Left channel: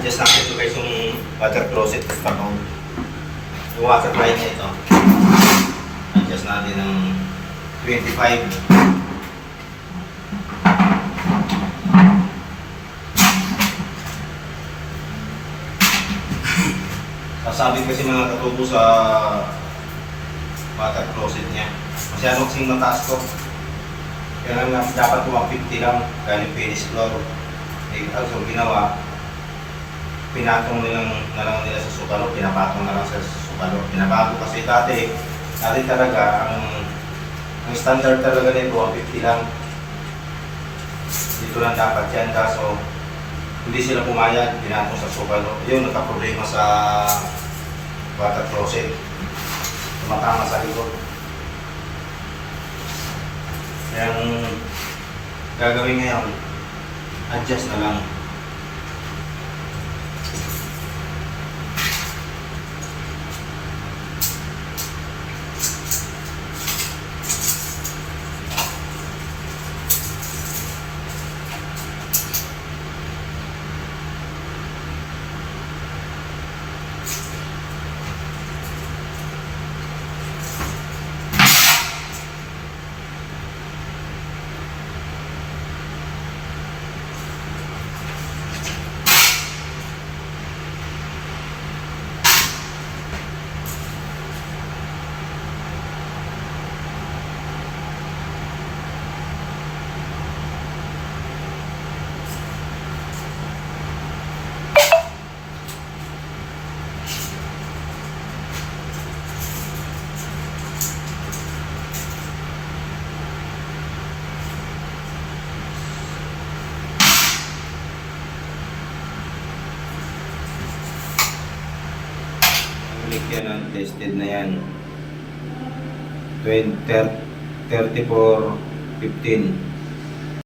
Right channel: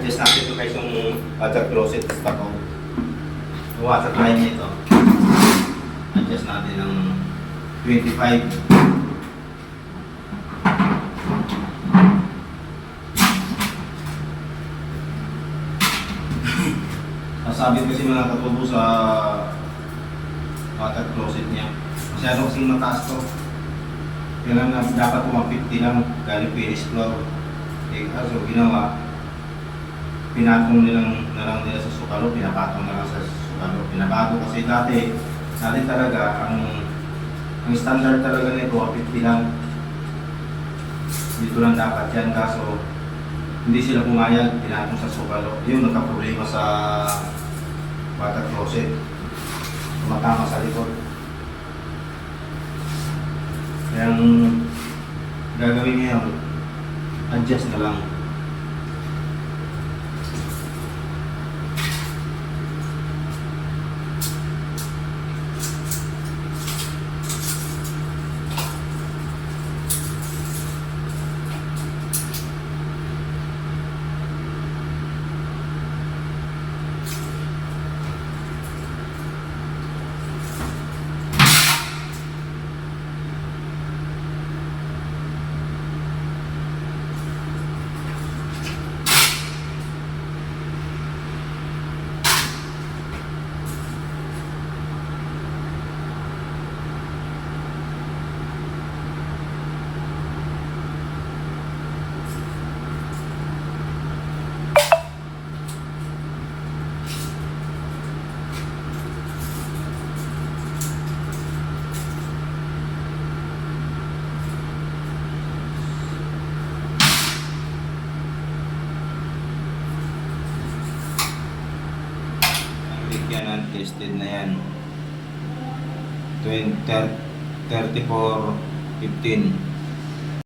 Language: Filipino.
adjust natin ito guys yung water closet tapos yung water line niya ito. Adjust natin ng 25. Sasabit kasi mga katubo sa water closet niya. Masyadong kasing mataas to. Kaya lang dapat 150 lang galing finish floor. Eh, so ginawa, pinatong na lang nila sa sukalo, pinapatong na lang sa sukalo. Pinabago kasi dati talaga ang standard talaga nito 150 lang. Dito lang dapat yan, kaso hindi sila pumayag, pinatong sa sukalo. Yung nagka-problema sa water closet, tumatama sa likod. Kaya ang gagawin ngayon, adjust na lang. Yan ang tested na yan. 34-15.